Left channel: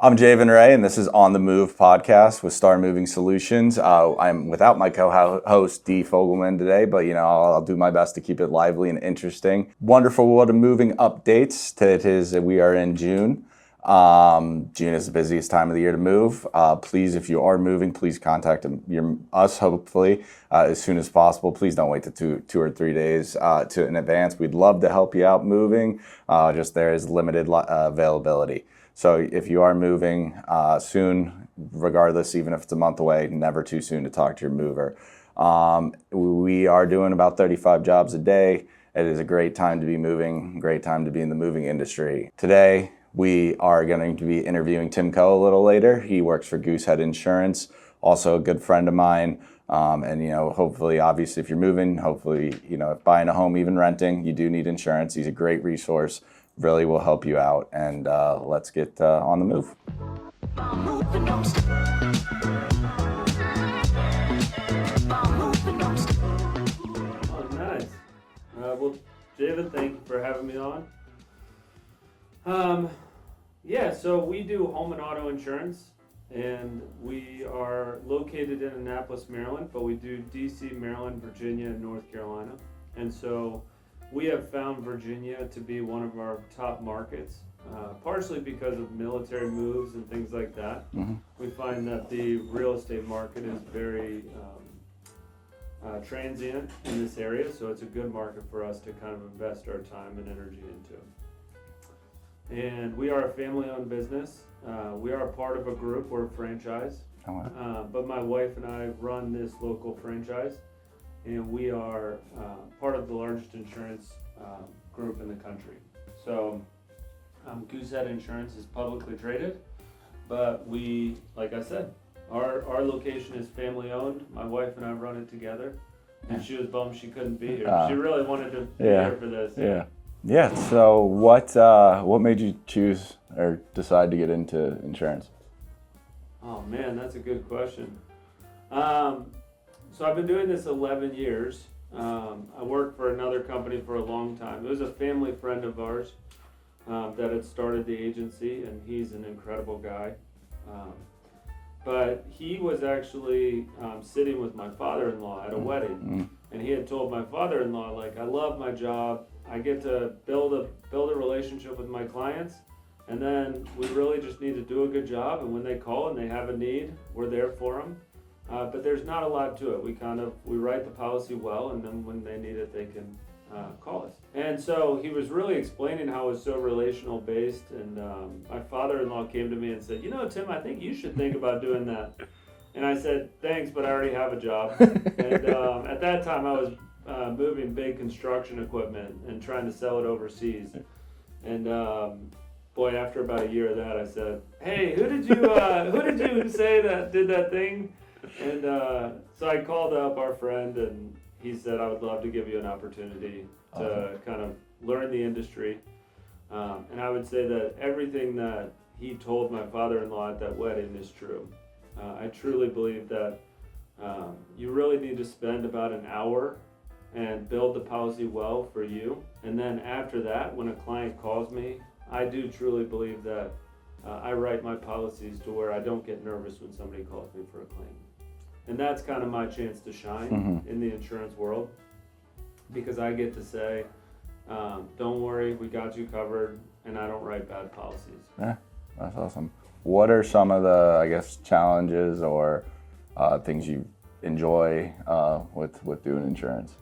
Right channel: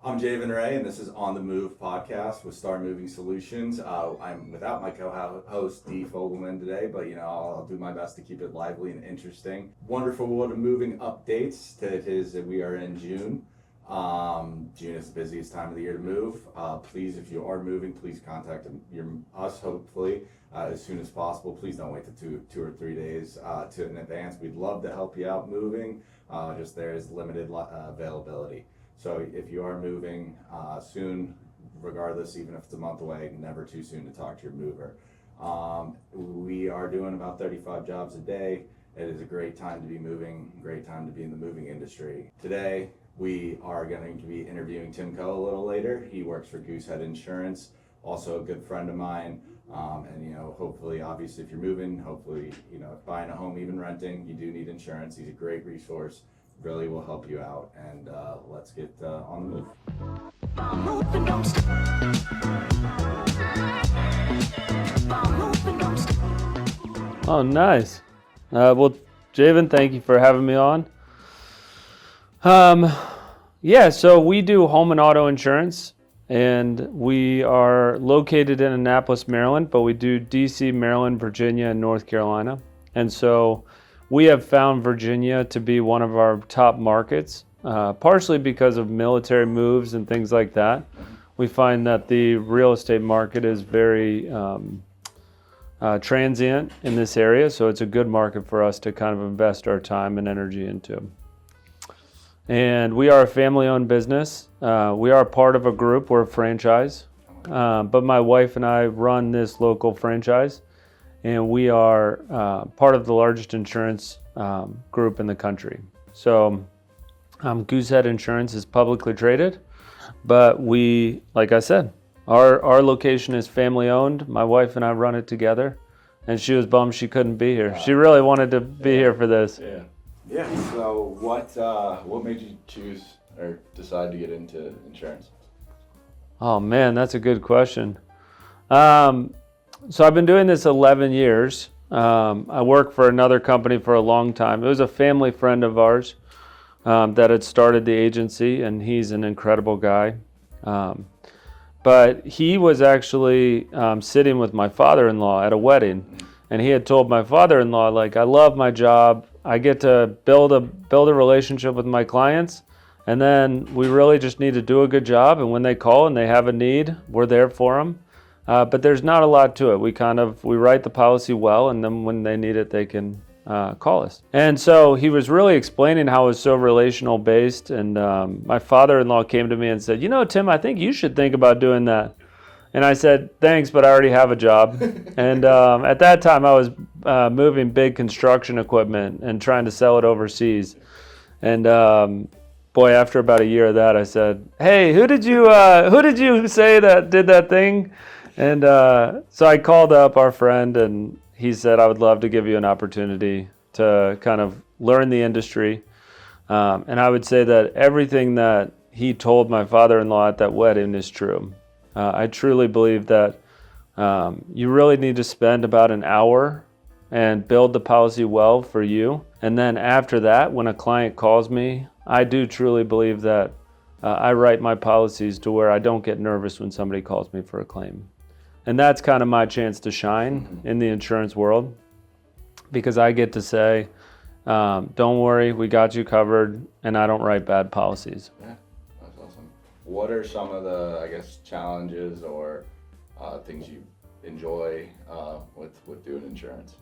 I'm Javen Ray, and this is On the Move podcast with Star Moving Solutions. I'm without my co-host Dee Fogelman today, but I'll do my best to keep it lively and interesting. Wonderful world of moving updates. We are in June. June is the busiest time of the year to move. Please, if you are moving, please contact us hopefully as soon as possible. Please don't wait to two or 3 days in advance. We'd love to help you out moving. Just there is limited availability. So if you are moving soon, regardless, even if it's a month away, never too soon to talk to your mover. We are doing about 35 jobs a day. It is a great time to be moving, great time to be in the moving industry. Today, we are going to be interviewing Tim Coe a little later. He works for Goosehead Insurance, also a good friend of mine. Hopefully, obviously, if you're moving, if buying a home, even renting, you do need insurance. He's a great resource. Really will help you out, and let's get on the move. Oh, nice. Well, Javen, thank you for having me on. So we do home and auto insurance, and we are located in Annapolis, Maryland, but we do DC, Maryland, Virginia, and North Carolina. And so we have found Virginia to be one of our top markets, partially because of military moves and things like that. Mm-hmm. We find that the real estate market is very transient in this area, so it's a good market for us to kind of invest our time and energy into. And we are a family-owned business. We are part of a group, we're a franchise, but my wife and I run this local franchise. And we are part of the largest insurance group in the country. So Goosehead Insurance is publicly traded, but we, like I said, our location is family owned. My wife and I run it together, and she was bummed she couldn't be here. She really wanted to be here for this. Yeah. So what made you choose or decide to get into insurance? Oh man, that's a good question. So I've been doing this 11 years. I worked for another company for a long time. It was a family friend of ours that had started the agency, and he's an incredible guy. But he was actually sitting with my father-in-law at a wedding, and he had told my father-in-law, like, I love my job. I get to build a relationship with my clients, and then we really just need to do a good job. And when they call and they have a need, we're there for them. But there's not a lot to it. We write the policy well, and then when they need it, they can call us. And so he was really explaining how it was so relational based. And my father-in-law came to me and said, Tim, I think you should think about doing that. And I said, thanks, but I already have a job. And at that time, I was moving big construction equipment and trying to sell it overseas. And after about a year of that, I said, hey, who did you say that did that thing? And so I called up our friend, and he said, I would love to give you an opportunity to kind of learn the industry. And I would say that everything that he told my father-in-law at that wedding is true. I truly believe that you really need to spend about an hour and build the policy well for you. And then after that, when a client calls me, I do truly believe that I write my policies to where I don't get nervous when somebody calls me for a claim. And that's kind of my chance to shine in the insurance world, because I get to say, don't worry, we got you covered, and I don't write bad policies. Yeah, that's awesome. What are some of the, challenges or things you enjoy with doing insurance?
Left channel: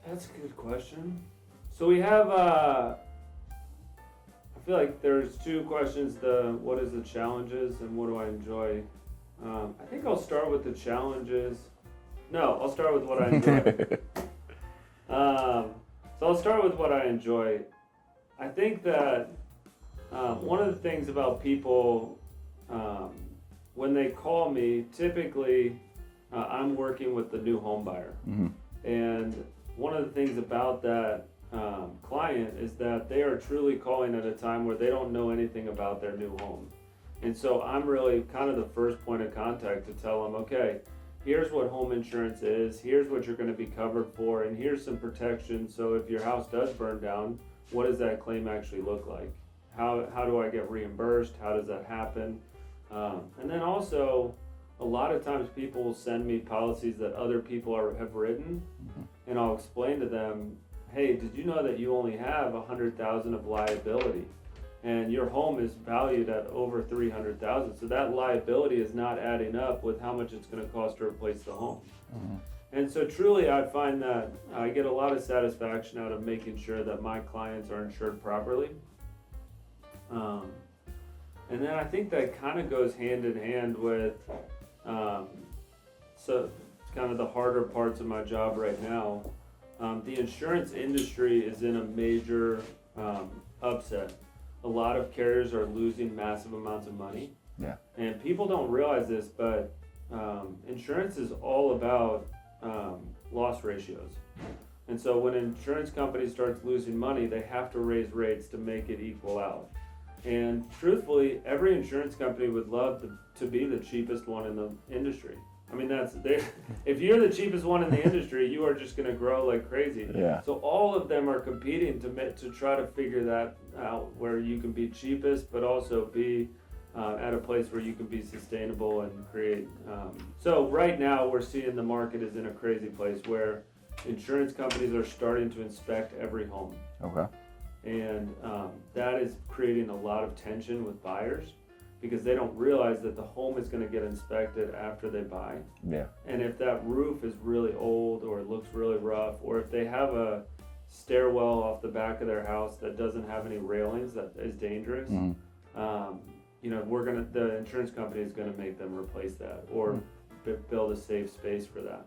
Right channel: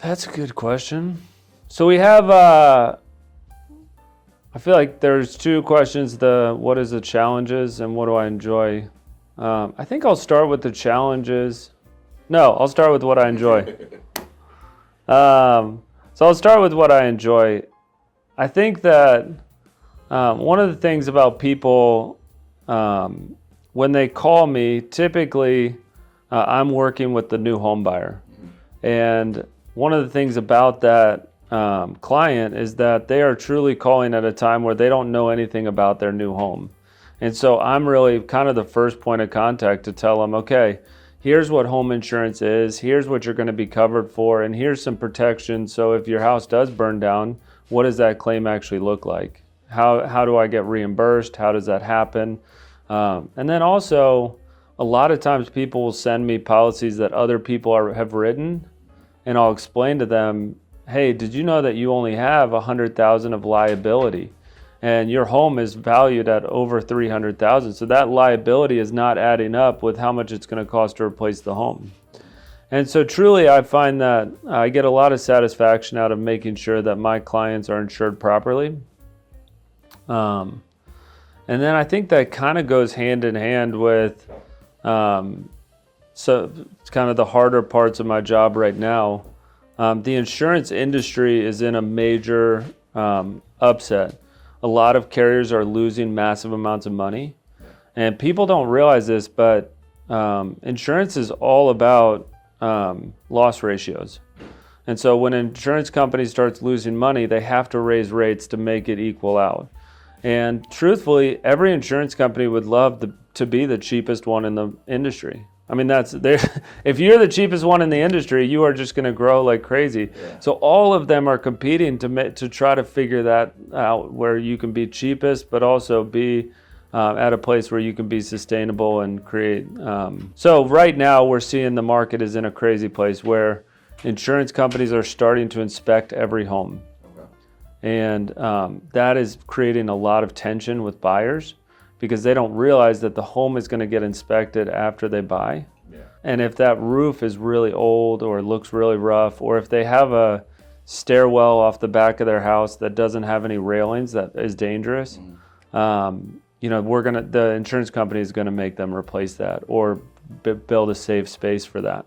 That's a good question. So we have, I feel like there's two questions, what is the challenges and what do I enjoy? I think I'll start with the challenges. No, I'll start with what I enjoy. So I'll start with what I enjoy. I think that one of the things about people, when they call me, typically I'm working with the new home buyer. And one of the things about that client is that they are truly calling at a time where they don't know anything about their new home. And so I'm really kind of the first point of contact to tell them, okay, here's what home insurance is, here's what you're going to be covered for, and here's some protection. So if your house does burn down, what does that claim actually look like? How do I get reimbursed? How does that happen? And then also, a lot of times people will send me policies that other people have written, and I'll explain to them, hey, did you know that you only have $100,000 of liability? And your home is valued at over $300,000. So that liability is not adding up with how much it's going to cost to replace the home. And so truly, I find that I get a lot of satisfaction out of making sure that my clients are insured properly. And then I think that kind of goes hand in hand with, so it's kind of the harder parts of my job right now. The insurance industry is in a major upset. A lot of carriers are losing massive amounts of money. Yeah. And people don't realize this, but insurance is all about loss ratios. And so when an insurance company starts losing money, they have to raise rates to make it equal out. And truthfully, every insurance company would love to be the cheapest one in the industry. I mean, if you're the cheapest one in the industry, you are just going to grow like crazy. Yeah. So all of them are competing to try to figure that out, where you can be cheapest, but also be at a place where you can be sustainable and create. So right now we're seeing the market is in a crazy place where insurance companies are starting to inspect every home. Okay. And that is creating a lot of tension with buyers, because they don't realize that the home is going to get inspected after they buy. Yeah. And if that roof is really old or looks really rough, or if they have a stairwell off the back of their house that doesn't have any railings, that is dangerous, the insurance company is going to make them replace that or build a safe space for that.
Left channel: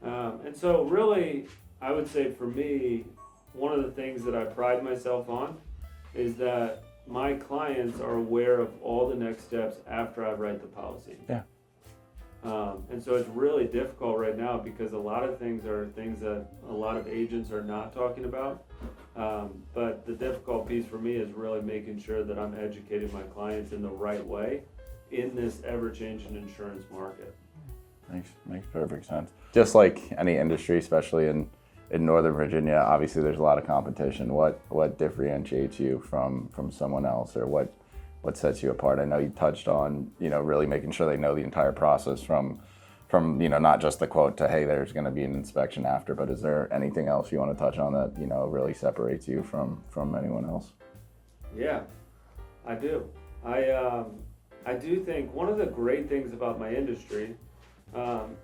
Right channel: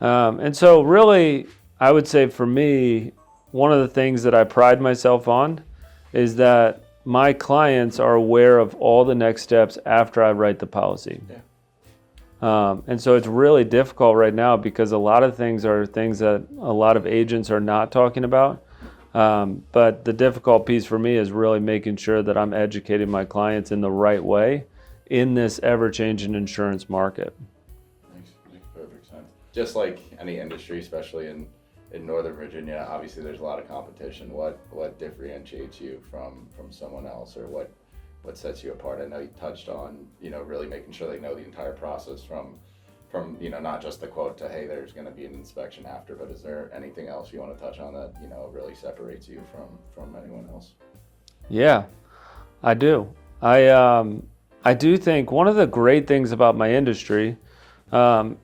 And so really, I would say for me, one of the things that I pride myself on is that my clients are aware of all the next steps after I write the policy. Yeah. And so it's really difficult right now, because a lot of things are things that a lot of agents are not talking about. But the difficult piece for me is really making sure that I'm educating my clients in the right way in this ever-changing insurance market. Makes perfect sense. Just like any industry, especially in Northern Virginia, obviously there's a lot of competition. What differentiates you from someone else, or what sets you apart? I know you touched on, really making sure they know the entire process from not just the quote to, hey, there's going to be an inspection after, but is there anything else you want to touch on that, really separates you from anyone else? Yeah, I do. I do think one of the great things about my industry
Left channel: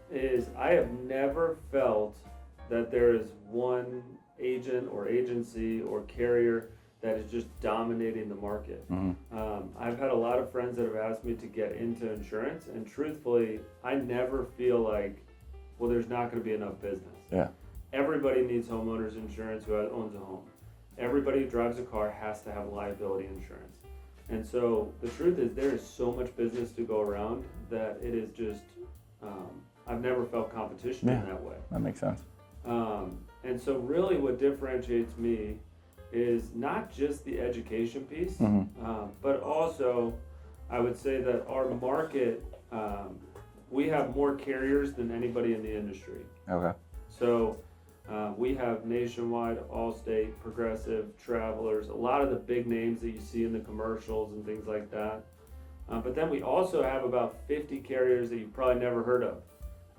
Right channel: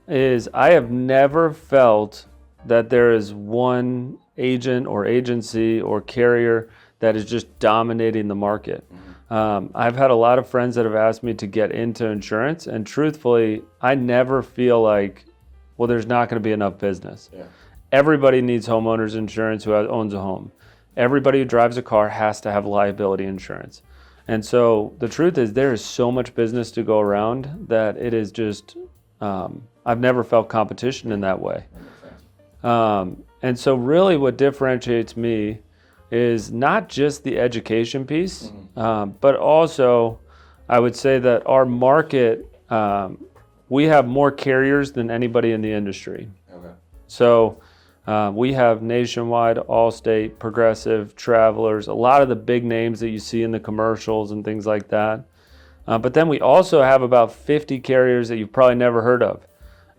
is I have never felt that there is one agent or agency or carrier that is just dominating the market. Mm-hmm. I've had a lot of friends that have asked me to get into insurance, and truthfully, I never feel like, well, there's not going to be enough business. Yeah. Everybody needs homeowners insurance who owns a home. Everybody who drives a car has to have liability insurance. And so the truth is, there is so much business to go around that it is just, I've never felt competition in that way. That makes sense. And so really what differentiates me is not just the education piece, but also I would say that our market, we have more carriers than anybody in the industry. Okay. So we have Nationwide, Allstate, Progressive, Travelers, a lot of the big names that you see in the commercials and things like that. But then we also have about 50 carriers that you've probably never heard of.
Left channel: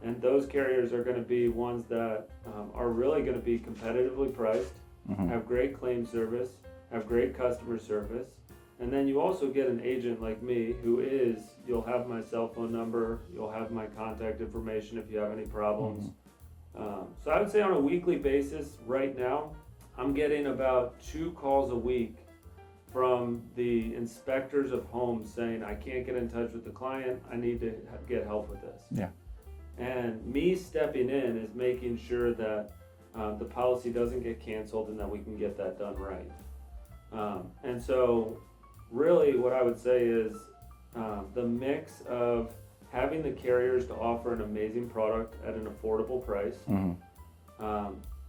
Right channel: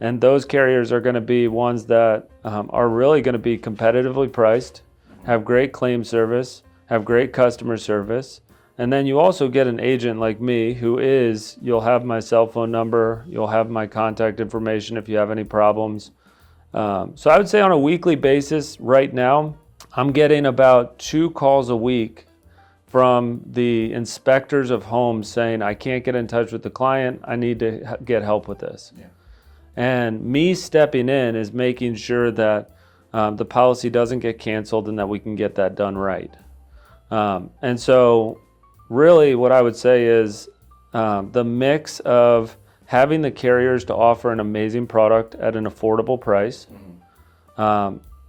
And those carriers are going to be ones that are really going to be competitively priced, have great claim service, have great customer service. And then you also get an agent like me you'll have my cell phone number, you'll have my contact information if you have any problems. So I would say on a weekly basis right now, I'm getting about 2 calls a week from the inspectors of homes saying, I can't get in touch with the client, I need to get help with this. Yeah. And me stepping in is making sure that the policy doesn't get canceled and that we can get that done right. And so really what I would say is the mix of having the carriers to offer an amazing product at an affordable price,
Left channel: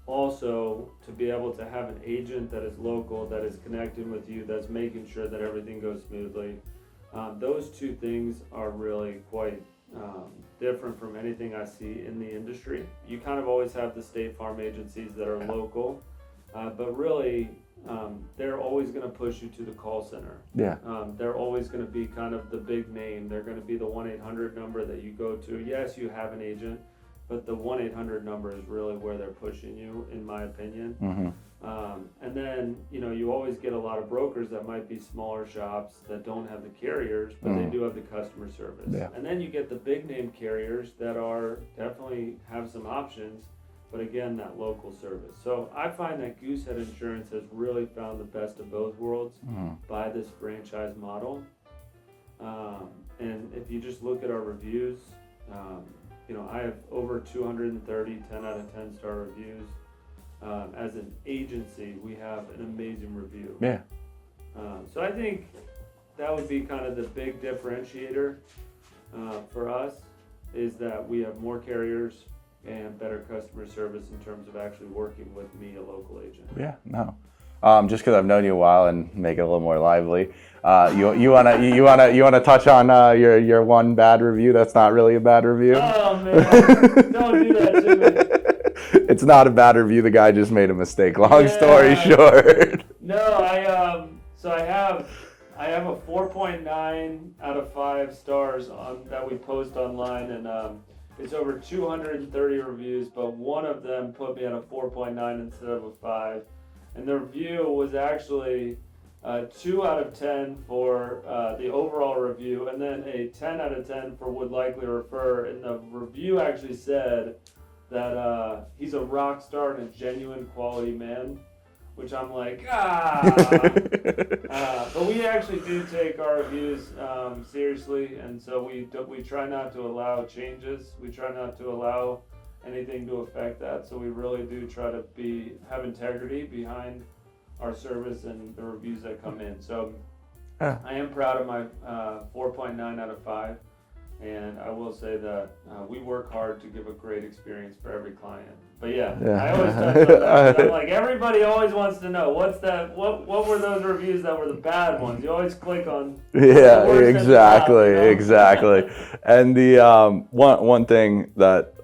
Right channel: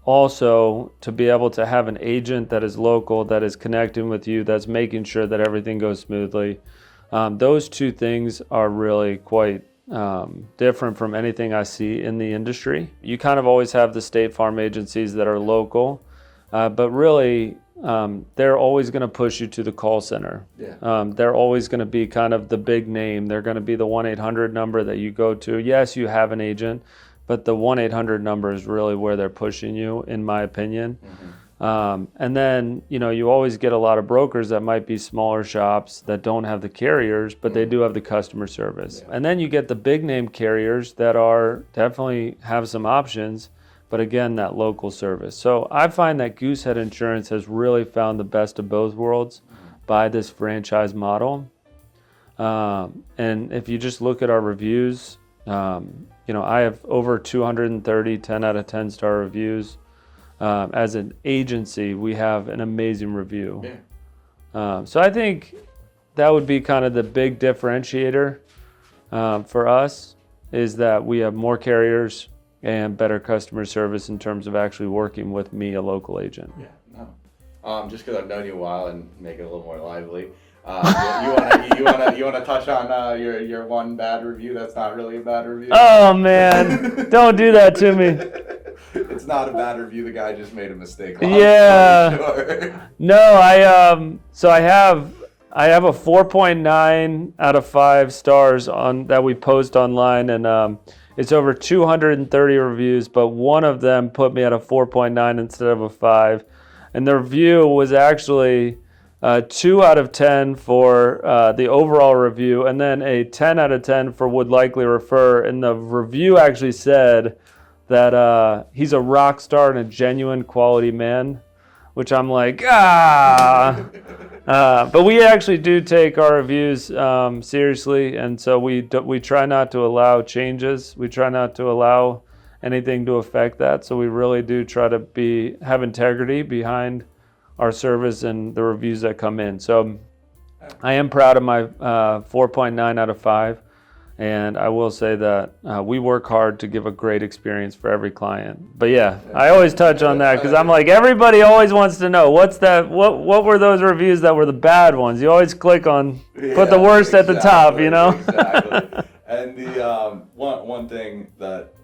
also to be able to have an agent that is local, that is connecting with you, that's making sure that everything goes smoothly. Those two things are really quite different from anything I see in the industry. You kind of always have the State Farm agencies that are local, but really they're always going to push you to the call center. Yeah. They're always going to be kind of the big name. They're going to be the 1-800 number that you go to. Yes, you have an agent, but the 1-800 number is really where they're pushing you, in my opinion. And then, you always get a lot of brokers that might be smaller shops that don't have the carriers, but they do have the customer service. Yeah. And then you get the big name carriers that are definitely have some options, but again, that local service. So I find that Goosehead Insurance has really found the best of both worlds by this franchise model. And if you just look at our reviews, I have over 230 10 out of 10 star reviews. As an agency, we have an amazing review. Yeah. So I think that would be kind of the big differentiator for us, is that we have more carriers and better customer service in terms of actually working with me, a local agent. Yeah, no. Just because I've known you a while and make it a little more lively, you wanna touch on your one bad review that's not really a bad review? Oh man, don't do that to me. It's not a bad review. The guy just made a mistake. Long Yeah. story short. No, I have a 4.9 out of 5 stars on that we post online, and it's over 230 reviews, but one of them put me at a 4.9 instead of a 5. And the review was actually 2 out of 10 for the overall review, and then a 10 out of 10 for would likely refer. And the review actually said that he's a rock star and a genuine quality man, which I'm like, but we actually do take our reviews seriously, and so we try not to allow changes. We try not to allow anything to affect that. So we really do try to have integrity behind our service and the reviews that come in. So I am proud of my 4.9 out of 5. And I will say that we work hard to give a great experience for every client. But yeah. I always touch on that because I'm like, everybody always wants to know what were those reviews that were the bad ones. You always click on put the worst at the top, Exactly. And the one thing that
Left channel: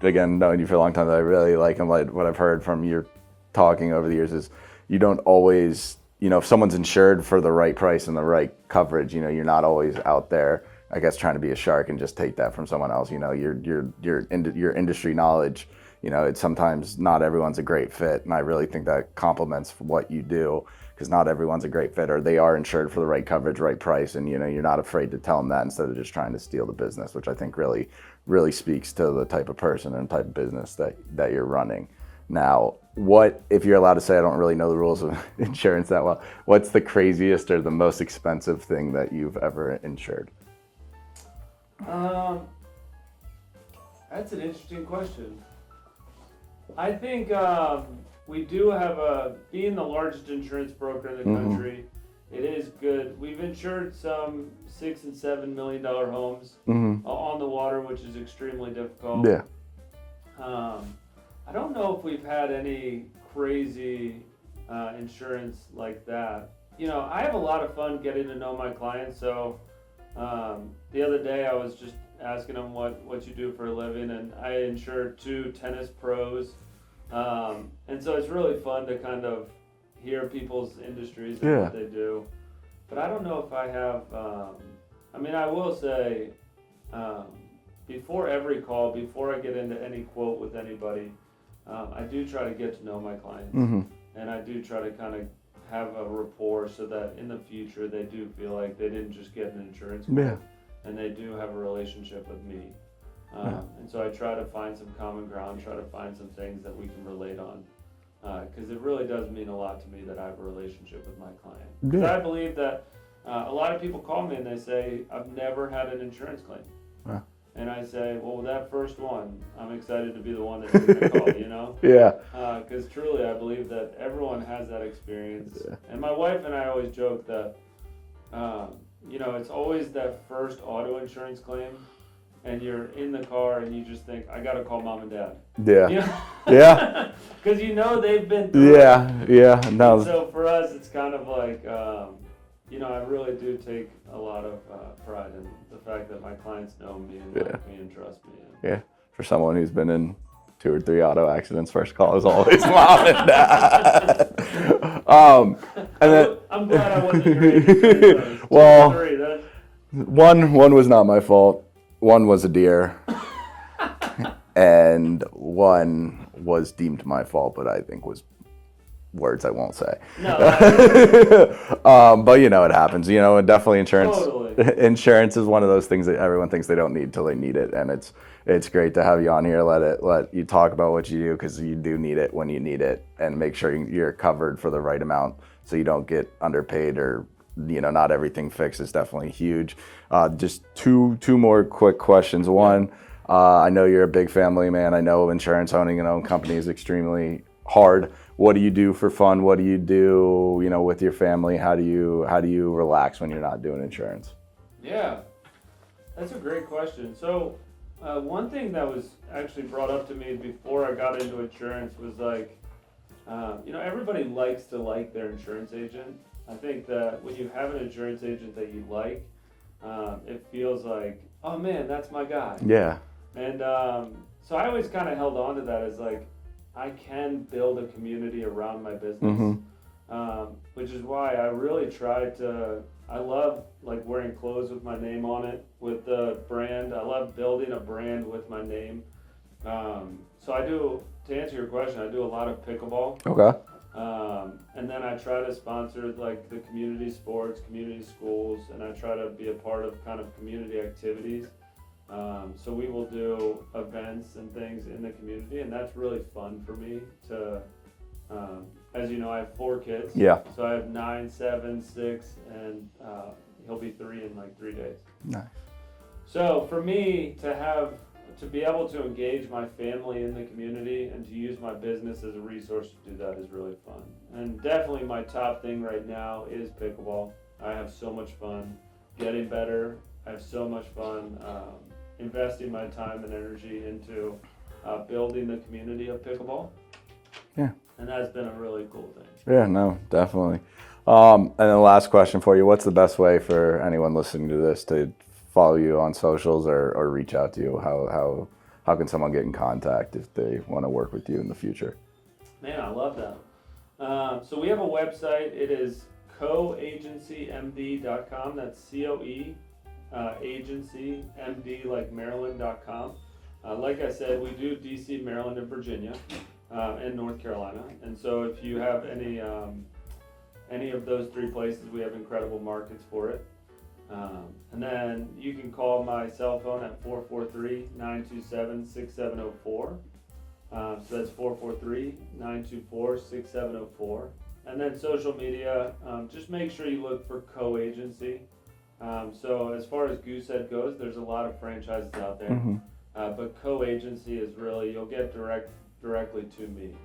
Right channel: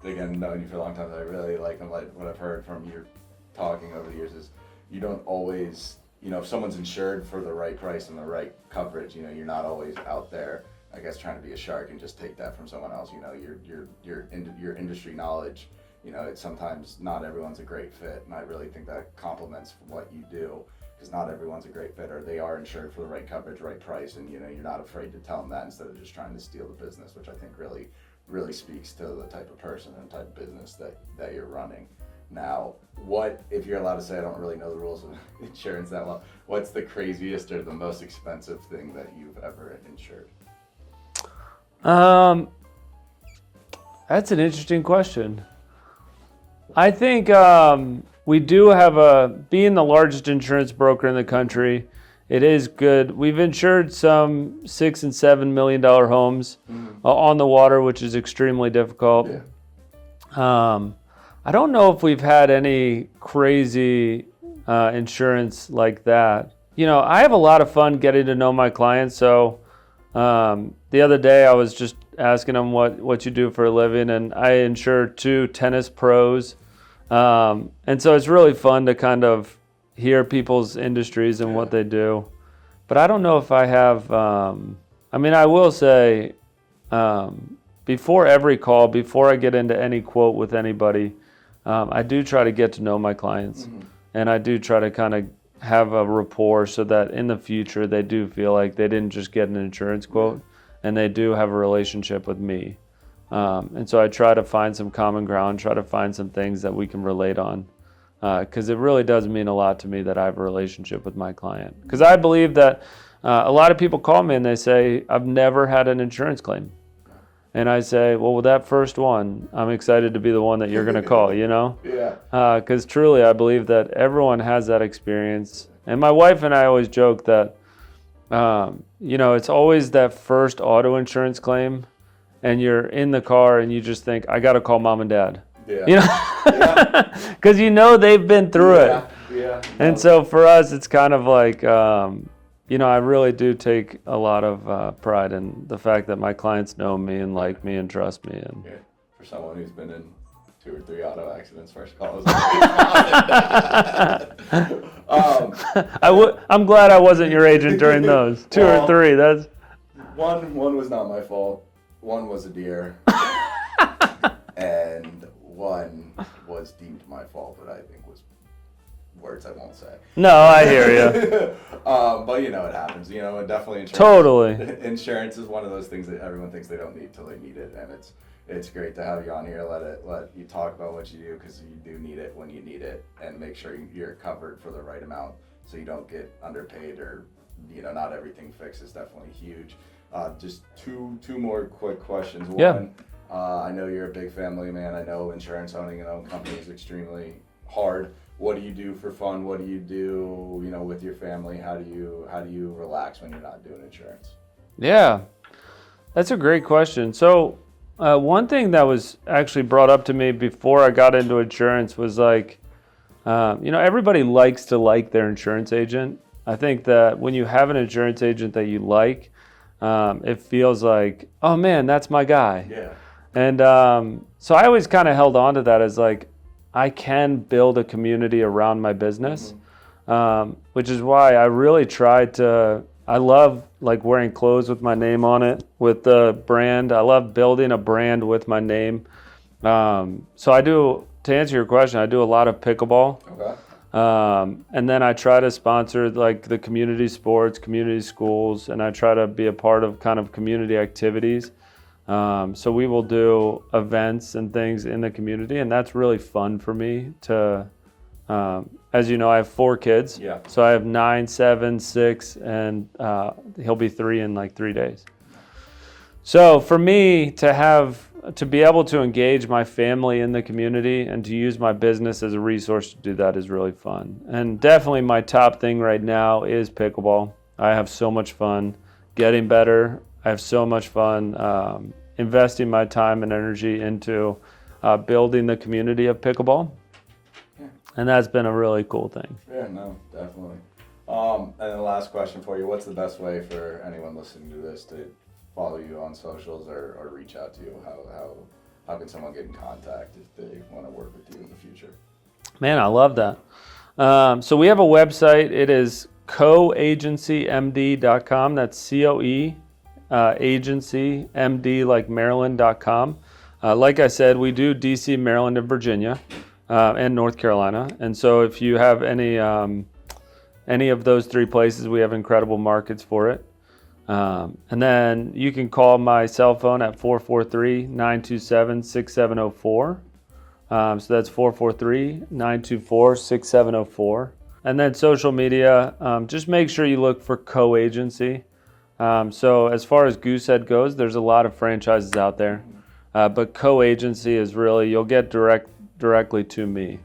again, knowing you for a long time, that I really like, and what I've heard from your talking over the years, is you don't always, if someone's insured for the right price and the right coverage, you're not always out there, I guess, trying to be a shark and just take that from someone else. Your industry knowledge, it's sometimes not everyone's a great fit, and I really think that complements what you do, because not everyone's a great fit, or they are insured for the right coverage, right price, and you're not afraid to tell them that instead of just trying to steal the business, which I think really, really speaks to the type of person and type of business that you're running. Now, what, if you're allowed to say, I don't really know the rules of insurance that well, what's the craziest or the most expensive thing that you've ever insured? That's an interesting question. I think we do have being the largest insurance broker in the country, it is good. We've insured some $6 and $7 million homes on the water, which is extremely difficult. Yeah. I don't know if we've had any crazy insurance like that. I have a lot of fun getting to know my clients. So the other day I was just asking them what you do for a living, and I insure 2 tennis pros. And so it's really fun to kind of hear people's industries and what they do. But I don't know if I have, I will say, before every call, before I get into any quote with anybody, I do try to get to know my clients, and I do try to kind of have a rapport so that in the future they do feel like they didn't just get an insurance quote, and they do have a relationship with me. And so I try to find some common ground, try to find some things that we can relate on, because it really does mean a lot to me that I have a relationship with my client. Because I believe that a lot of people call me and they say, I've never had an insurance claim. And I say, well, with that first one, I'm excited to be the one that you're going to call, Yeah. Because truly, I believe that everyone has that experience. And my wife and I always joke that, it's always that first auto insurance claim, and you're in the car and you just think, I got to call mom and dad. Yeah. Yeah. Because they've been through it. Yeah. No. And so for us, it's kind of like, I really do take a lot of pride in the fact that my clients know me and like me and trust me. And yeah, for someone who's been in 2 or 3 auto accidents. First call is always mom and dad. I'm glad I wasn't your agent during those. 2 or 3. That's one was not my fault. One was a deer. And one was deemed my fault, but I think was words I won't say. No, I hear you. But it happens. And definitely insurance. Totally. Insurance is one of those things that everyone thinks they don't need till they need it, and it's great to have you on here. Let you talk about what you do, because you do need it when you need it, and make sure you're covered for the right amount so you don't get underpaid or not everything fixed is definitely huge. Just two more quick questions. One, I know you're a big family man. I know owning an own company is extremely hard. What do you do for fun? What do you do, with your family? How do you relax when you're not doing insurance? Yeah, that's a great question. So one thing that was actually brought up to me before I got into insurance was like, everybody likes to like their insurance agent. I think that when you have an insurance agent that you like, it feels like, oh man, that's my guy. Yeah. And so I always kind of held on to that as like, I can build a community around my business, which is why I really tried to. I love like wearing clothes with my name on it, with the brand. I love building a brand with my name. So I do, to answer your question, I do a lot of pickleball. Okay. And then I try to sponsor like the community sports, community schools, and I try to be a part of kind of community activities. So we will do events and things in the community, and that's really fun for me to, as you know, I have 4 kids. Yeah. So I have 9, 7, 6, and he'll be 3 in like 3 days. Nice. So for me to be able to engage my family in the community and to use my business as a resource to do that is really fun. And definitely my top thing right now is pickleball. I have so much fun getting better. I have so much fun investing my time and energy into building the community of pickleball. Yeah. And that's been a really cool thing. Yeah, no, definitely. And the last question for you, what's the best way for anyone listening to this to follow you on socials or reach out to you? How can someone get in contact if they want to work with you in the future? Man, I love that. So we have a website. It is coagencymd.com. That's COE agency MD like Maryland.com. Like I said, we do DC, Maryland, and Virginia, and North Carolina. And so if you have any of those 3 places, we have incredible markets for it. And then you can call my cell phone at 443-927-6704. So that's 443-924-6704. And then social media, just make sure you look for Co-Agency. So as far as Goosehead goes, there's a lot of franchises out there. But Co-Agency is really, you'll get directly to me.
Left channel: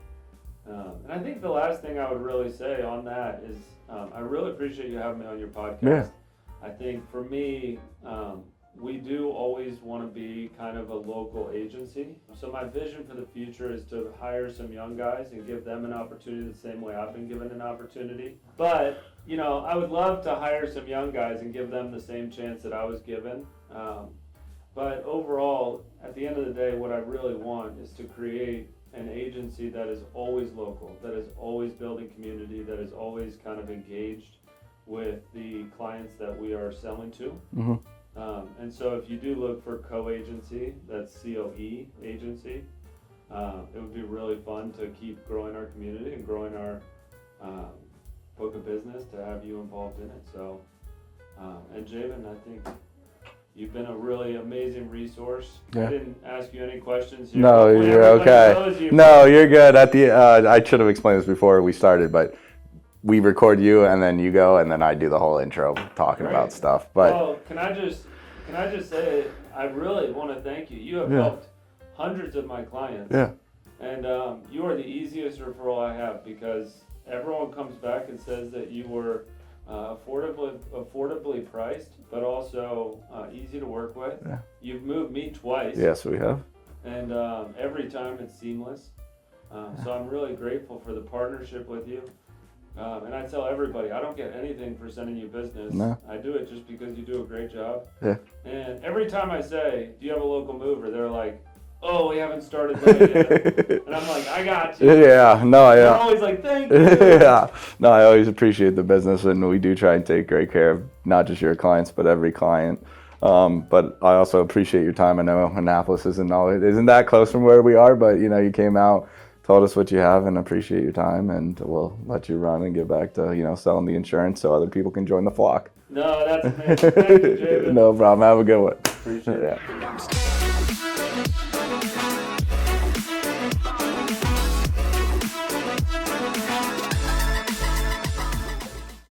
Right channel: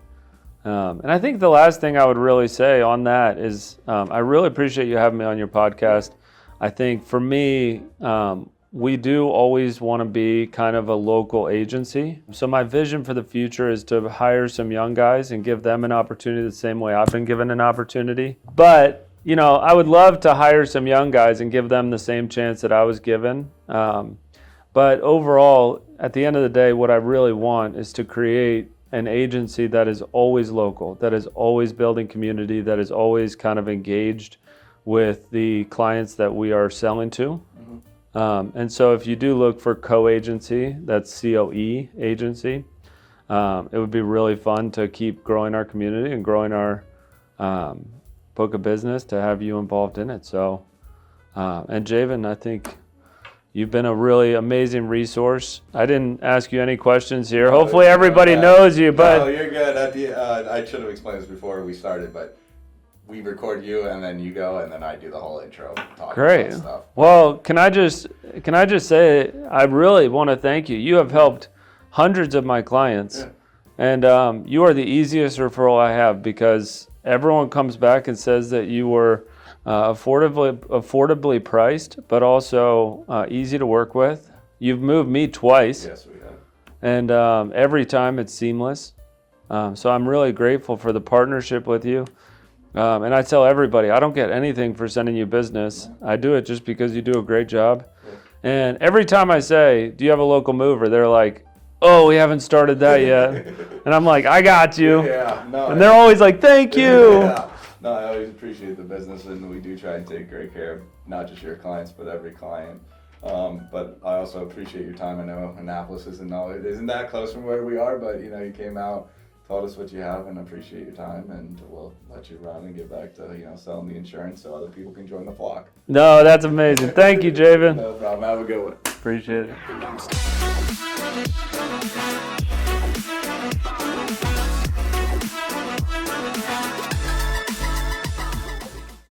And I think the last thing I would really say on that is I really appreciate you having me on your podcast. Yeah. I think for me, we do always want to be kind of a local agency. So my vision for the future is to hire some young guys and give them an opportunity the same way I've been given an opportunity. But, I would love to hire some young guys and give them the same chance that I was given. But overall, at the end of the day, what I really want is to create an agency that is always local, that is always building community, that is always kind of engaged with the clients that we are selling to. And so if you do look for Co-Agency, that's COE agency, it would be really fun to keep growing our community and growing our book of business to have you involved in it. So, and Javen, I think you've been a really amazing resource. I didn't ask you any questions here. No, hopefully everybody knows you. No, you're good. I should have explained this before we started, but we record you and then you go and then I do the whole intro talking about stuff. But, well, can I just say I really want to thank you. You have helped hundreds of my clients. Yeah. And you are the easiest referral I have because everyone comes back and says that you were affordably priced, but also easy to work with. Yeah. You've moved me twice. Yes, we have. And every time it's seamless. So I'm really grateful for the partnership with you. And I tell everybody, I don't get anything for sending you business. No. I do it just because you do a great job. Yeah. And every time I say, do you have a local mover? They're like, oh, we haven't started that yet. And I'm like, I got you. Yeah, no, And they're always like, thank you. yeah. No, I always appreciate the business, and we do try and take great care of not just your clients, but every client. But I also appreciate your time. I know Annapolis isn't that close from where we are, but you came out, told us what you have, and appreciate your time, and we'll let you run and get back to selling the insurance so other people can join the flock. No, that's amazing. Thank you, Javen. No problem. Have a good one. Appreciate it.